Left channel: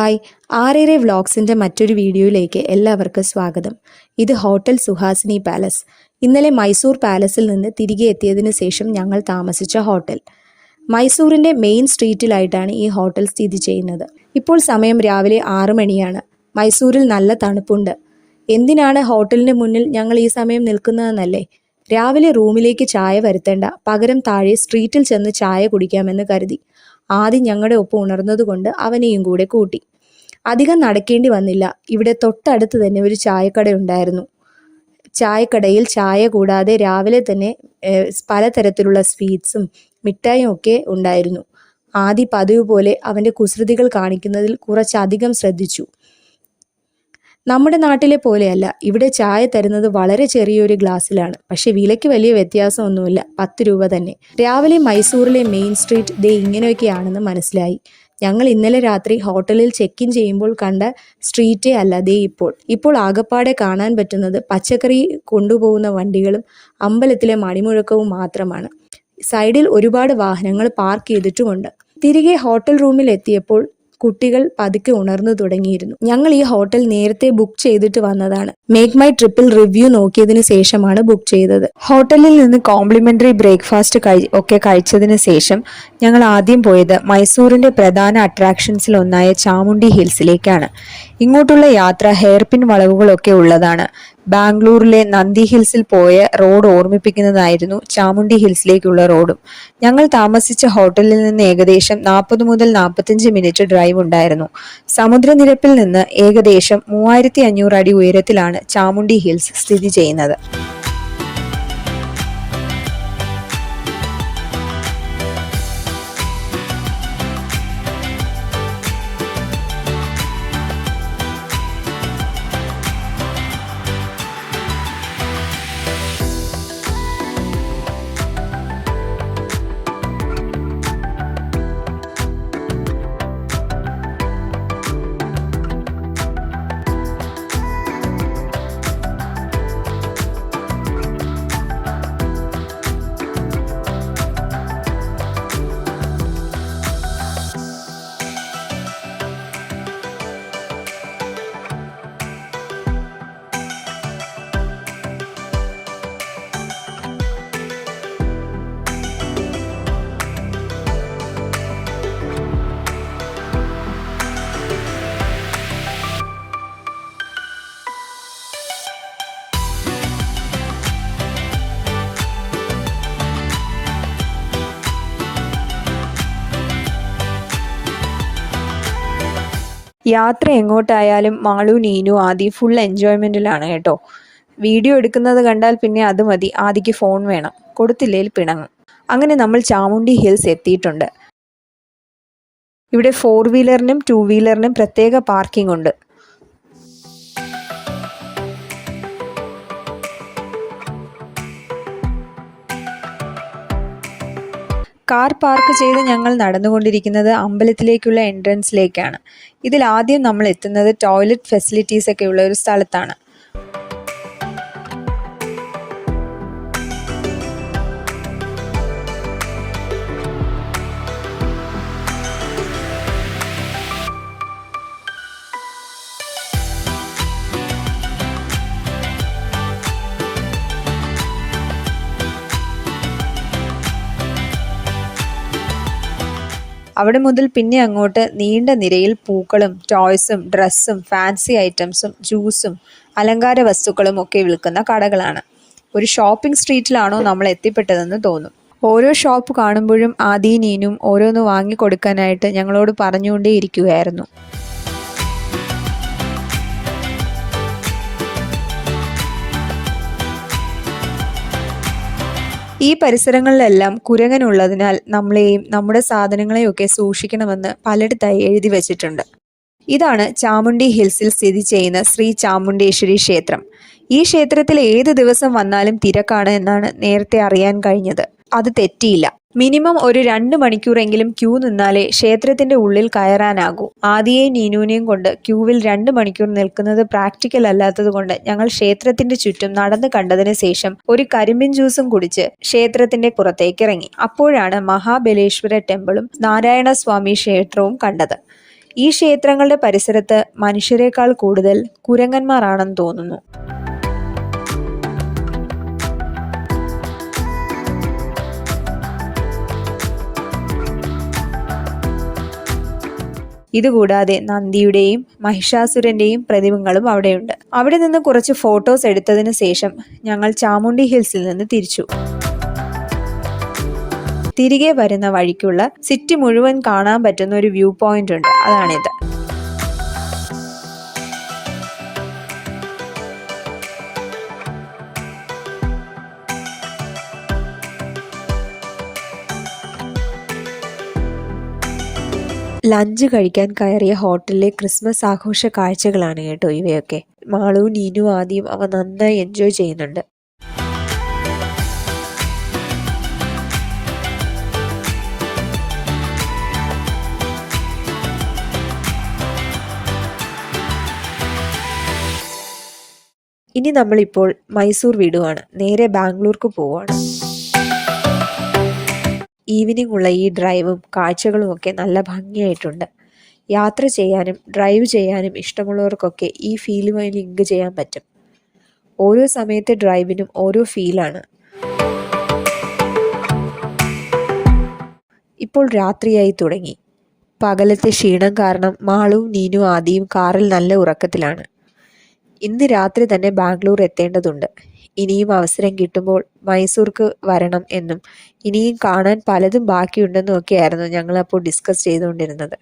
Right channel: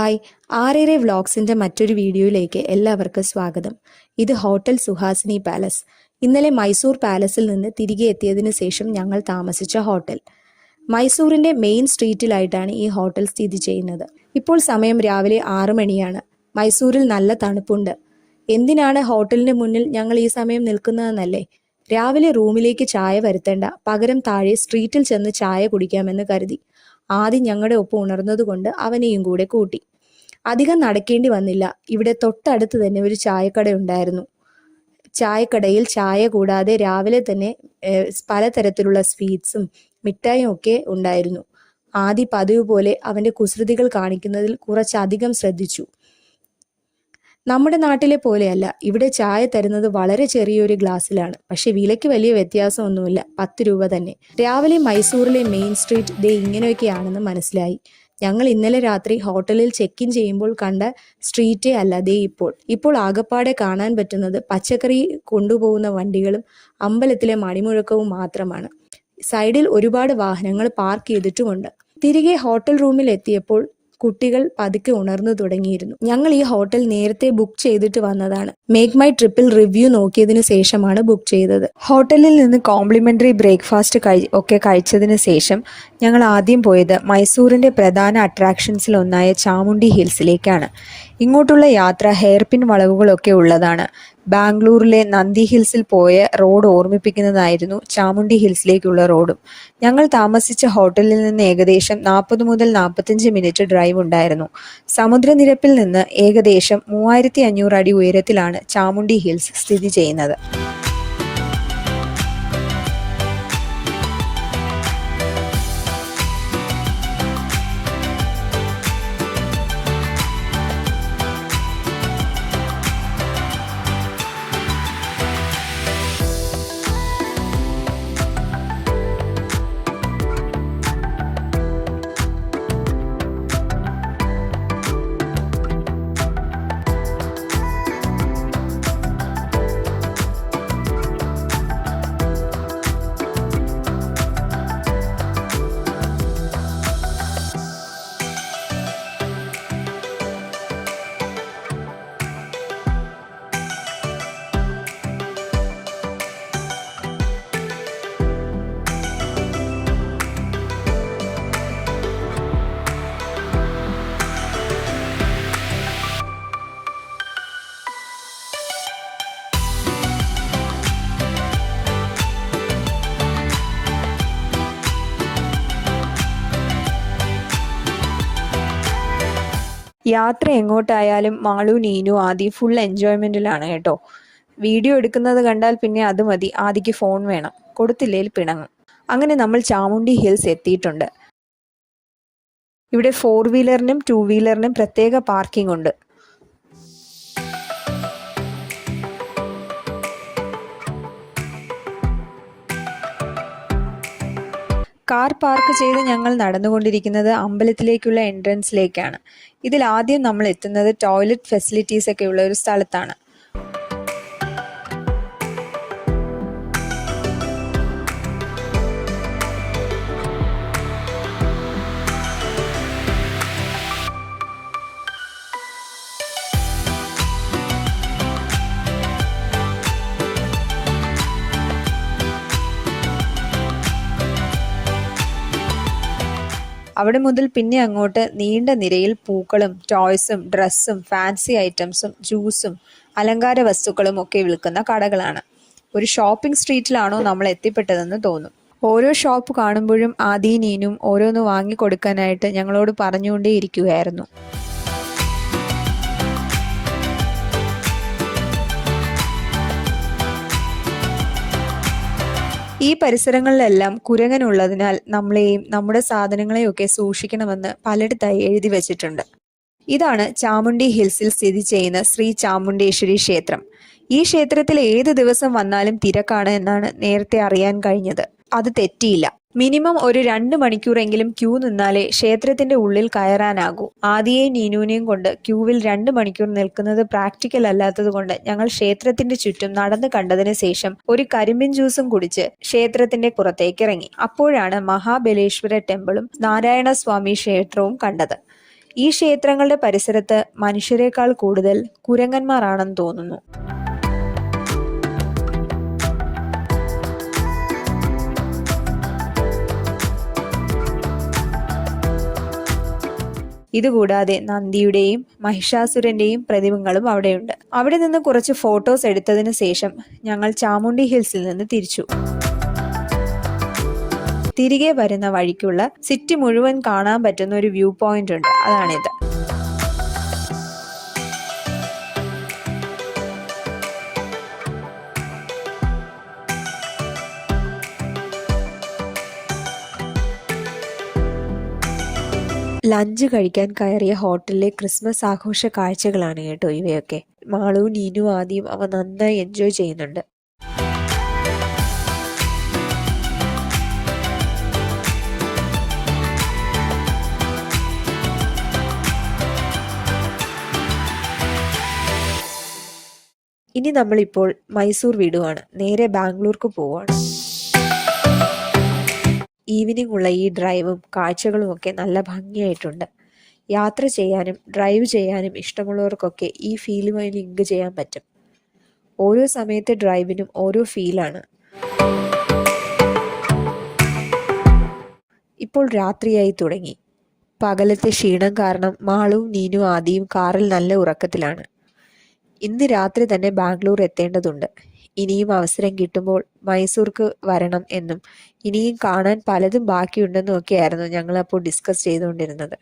Hi, ആറേറെ വ്ളോഗ്സിൻ്റെ മറ്റൊരു വീഡിയോയിലേക്ക് എല്ലാവർക്കും സ്വാഗതം. ഇത് ഹോട്ടൽ സുഹാസിനി പാലസ്. ഇന്നലെ മൈസൂർ പാലസിൽ നിന്ന് തിരികെ എത്തിയതിന് ശേഷം ഞങ്ങൾ താമസിച്ച ഹോട്ടൽ. മൈസൂരിൻ്റെ മെയിൻ സ്ട്രീറ്റിലായിട്ടാണ് ഈ ഹോട്ടൽ സ്ഥിതി ചെയ്യുന്നത്. ഇപ്പോൾ സമയം രാവിലെ 6 മണിയാണ്. മൈസൂരിൽ നല്ല തണുപ്പുണ്ട്. എന്തിനാണ് ഹോട്ടലിന് മുന്നിൽ ഞങ്ങൾ ഈ സമയം നിൽക്കുന്നതെന്നല്ലേ? രാവിലെ റൂമിലേക്ക് ചായ വരുത്തേണ്ട, പകരം താഴെ സ്ട്രീറ്റിൽ ചെന്ന് ചായ കുടിക്കാമെന്ന് കരുതി. ആദ്യം ഞങ്ങളുടെ ഒപ്പം ഉണർന്നതുകൊണ്ട് അവനെയും കൂടെ കൂട്ടി. അധികം നടക്കേണ്ടി വന്നില്ല. ഇവിടെ തൊട്ടടുത്ത് തന്നെ ഒരു ചായക്കട ഉണ്ടായിരുന്നു. ചായക്കടയിൽ ചായ കൂടാതെ രാവിലെ തന്നെ പലതരത്തിലുള്ള സ്വീറ്റ്സും മിഠായും ഒക്കെ ഉണ്ടായിരുന്നു. ആദി പതിവ് പോലെ അവൻ്റെ കുസൃതികൾ കാണിക്കുന്നതിൽ കുറച്ചധികം ശ്രദ്ധിച്ചു. നമ്മുടെ നാട്ടിലെ പോലെയല്ല, ഇവിടെ ചായ തരുന്നത് വളരെ ചെറിയൊരു ഗ്ലാസ്സിലാണ്. പക്ഷെ വിലയ്ക്ക് വലിയ വ്യത്യാസമൊന്നുമില്ല, 10 രൂപ തന്നെ. രാവിലെ മൈസൂരിലെ മെയിൻ സ്ട്രീറ്റ് ദേ ഇങ്ങനെയൊക്കെയാണെന്ന് മനസ്സിലായി. ഞങ്ങൾ ഇന്നലെ രാത്രി ഹോട്ടലിൽ ചെക്ക് ഇൻ ചെയ്യുമ്പോൾ കണ്ട സ്ട്രീറ്റേ അല്ല ദേ ഇപ്പോൾ ആകപ്പാടെ കാണാൻ പറ്റുന്നത് പച്ചക്കറി കൊണ്ടുപോകുന്ന വണ്ടികളും അമ്പലത്തിലെ മണിമുഴക്കവും മാത്രമാണ്. സൈഡിൽ ഒരുപാട് വാഹനങ്ങൾ പാർക്ക് ചെയ്തിട്ടുമുണ്ട്. തിരികെ ഹോട്ടൽ റൂമിൽ എത്തിയപ്പോൾ കുട്ടികൾ പതുക്കെ ഉണർന്നു തുടങ്ങിയിരുന്നു. ഞങ്ങൾ ഈ ഹോട്ടൽ നേരത്തെ ബുക്ക് ചെയ്തിട്ട് വന്നതാണ്. മേക്ക് മൈ ട്രിപ്പിൽ റിവ്യൂ നോക്കിയതിന് ശേഷമാണ് ബുക്ക് ചെയ്തത്. ഹോട്ടലിൽ നിന്ന് കോംപ്ലിമെന്ററി ബ്രേക്ക്ഫാസ്റ്റ് ഒക്കെ കഴിച്ചതിന് ശേഷം ഞങ്ങൾ ആദ്യം പോയത് മൈസൂരിന്റെ പ്രധാന അട്രാക്ഷൻസിൽ ഒന്നായ ചാമുണ്ഡി ഹിൽസിലേക്കാണ്. ഇങ്ങോട്ടുള്ള യാത്ര ഹെയർപിൻ വളവുകളൊക്കെ ഉള്ളതാണ്. ബാംഗ്ലൂരിലെ നന്ദി ഹിൽസിൽ പോയ റോഡ് ഓർമ്മിപ്പിക്കുന്നതായിരുന്നു ചാമുണ്ഡി ഹിൽസിലേക്കുള്ള റോഡും. ഞങ്ങൾ താമസിച്ച ഹോട്ടലിൽ നിന്ന് ഏകദേശം 40 മുതൽ 45 മിനിറ്റ് ഡ്രൈവ് ഉണ്ടായിരുന്നു. സമുദ്രനിരപ്പിൽ നിന്ന് ഏകദേശം 3500 അടി ഉയരത്തിലാണ് ചാമുണ്ഡി ഹിൽസ് സ്ഥിതി ചെയ്യുന്നത്. യാത്ര എങ്ങോട്ടായാലും മാളു, നീനു, ആദി ഫുൾ എൻജോയ്മെന്റിലാണ് കേട്ടോ. വീഡിയോ എടുക്കുന്നത് കണ്ടാൽ പിന്നെ അത് മതി, ആദിക്ക് ഫോൺ വേണം, കൊടുത്തില്ലേൽ പിണങ്ങും. അങ്ങനെ നമ്മൾ ചാമുണ്ഡി ഹിൽസ് എത്തിയിട്ടുണ്ട്. ഇവിടെ 4 വീലറിനും 2 വീലറിനും പ്രത്യേക പാർക്കിംഗ് ഉണ്ട്. കാർ പാർക്ക് ചെയ്ത് ഞങ്ങൾ നടന്നുകൊണ്ടിരിക്കുന്നത് അമ്പലത്തിലേക്കുള്ള എൻട്രൻസിലേക്കാണ്. ഇതിൽ ആദ്യം നമ്മൾ എത്തുന്നത് ടോയ്ലറ്റ് ഫെസിലിറ്റീസ് ഒക്കെ ഉള്ള ഒരു സ്ഥലത്താണ്. അവിടെ മുതൽ പിന്നെ അങ്ങോട്ട് നീണ്ട നിരയിൽ പൂക്കളും ടോയ്സും ഡ്രസ്സും ഫാൻസി ഐറ്റംസും ജ്യൂസും അലങ്കാര വസ്തുക്കളും ഒക്കെ വിൽക്കുന്ന കടകളാണ്. ഒരു ഷോപ്പിംഗ് സ്ട്രീറ്റിലാണോ നമ്മൾ എത്തിപ്പെട്ടതെന്ന് തോന്നും. ഓരോ ഷോപ്പ് കാണുമ്പോഴും ആദി, നീനും ഓരോന്ന് വാങ്ങിക്കൊടുക്കാനായിട്ട് ഞങ്ങളോട് പറഞ്ഞുകൊണ്ടേയിരിക്കുകയായിരുന്നു. ഈ പരിസരങ്ങളിലെല്ലാം കുരങ്ങനുള്ളതിനാൽ നമ്മളെയും നമ്മുടെ സാധനങ്ങളെയും ഒക്കെ സൂക്ഷിക്കണമെന്ന് പലയിടത്തായി എഴുതി വച്ചിട്ടുണ്ട്. ഇതാണ് ചാമുണ്ഡി ഹിൽസിൽ സ്ഥിതി ചെയ്യുന്ന ശ്രീ ചാമുണ്ഡേശ്വരി ക്ഷേത്രം. ഈ ക്ഷേത്രത്തിൽ ഏത് ദിവസം വന്നാലും തിരക്കാണ് എന്നാണ് നേരത്തെ അറിയാൻ കഴിഞ്ഞത്. അത് തെറ്റിയില്ല. മിനിമം ഒരു 2 മണിക്കൂറെങ്കിലും ക്യൂ നിന്നാലേ ക്ഷേത്രത്തിന്റെ ഉള്ളിൽ കയറാനാകൂ. ആദിയെയും നീനുവിനെയും കൊണ്ട് ക്യൂവിൽ 2 മണിക്കൂർ നിൽക്കുന്നത് പ്രാക്ടിക്കൽ അല്ലാത്തത് കൊണ്ട് ഞങ്ങൾ ക്ഷേത്രത്തിന്റെ ചുറ്റും നടന്നു കണ്ടതിന് ശേഷം ഒരു കരിമ്പിൻ ജ്യൂസും കുടിച്ച് ക്ഷേത്രത്തിന്റെ പുറത്തേക്ക് ഇറങ്ങി. അപ്പോഴാണ് മഹാബലേശ്വര ടെമ്പിളും നാരായണ സ്വാമി ക്ഷേത്രവും കണ്ടത്. ഈ ക്ഷേത്രങ്ങളുടെ പരിസരത്ത് മനുഷ്യരെക്കാൾ കൂടുതൽ കുരങ്ങന്മാരാണെന്ന് തോന്നുന്നു. ഇതുകൂടാതെ നന്ദിയുടെയും മഹിഷാസുരന്റെയും പ്രതിമകളും അവിടെയുണ്ട്. അവിടെ നിന്ന് കുറച്ച് ഫോട്ടോസ് എടുത്തതിന് ശേഷം ഞങ്ങൾ ചാമുണ്ഡി ഹിൽസിൽ നിന്ന് തിരിച്ചു. തിരികെ വരുന്ന വഴിക്കുള്ള സിറ്റി മുഴുവൻ കാണാൻ പറ്റുന്ന ഒരു വ്യൂ പോയിന്റ് ഉണ്ട്, അതാണിത്. ലഞ്ച് കഴിക്കാൻ കയറിയ ഹോട്ടലിലെ ക്രിസ്മസ് ആഘോഷ കാഴ്ചകളാണ് കേട്ടോ ഇവയൊക്കെ. മാളു, നീനു, ആദ്യം അവ നന്നായി എൻജോയ് ചെയ്യുന്നുണ്ട്. ഇനി നമ്മളിപ്പോൾ മൈസൂർ വിടുവാണ്, നേരെ ബാംഗ്ലൂർക്ക് പോവാണ്. ഈവനിംഗ് ഉള്ള ഈ ഡ്രൈവും കാഴ്ചകളും ഒക്കെ നല്ല ഭംഗിയായിട്ടുണ്ട്. യാത്ര ചെയ്യാനും ഡ്രൈവ് ചെയ്യാനും ഇഷ്ടമുള്ളവർക്കൊക്കെ ഈ ഫീലുമായി ലിങ്ക് ചെയ്യാൻ പറ്റും. ഓരോ സമയത്തെ ഡ്രൈവിനും ഓരോ ഫീലാണ്. ഇപ്പോൾ രാത്രിയായി തുടങ്ങി. പകലത്തെ ക്ഷീണം കാരണം മാളുവും നീനും ആദിയും കാറിൽ നല്ല ഉറക്കത്തിലാണ്. ഇന്ന് രാത്രി തന്നെ ബാംഗ്ലൂർ എത്തേണ്ടതുണ്ട്. ഇനിയും അവസരം കിട്ടുമ്പോൾ മൈസൂർക്ക് വരണം എന്നും ഇനിയും കാണാൻ പലതും ബാക്കിയുണ്ടെന്നും ഒക്കെയായിരുന്നു ഞങ്ങളപ്പോൾ ഡിസ്കസ് ചെയ്തുകൊണ്ടിരുന്നത്.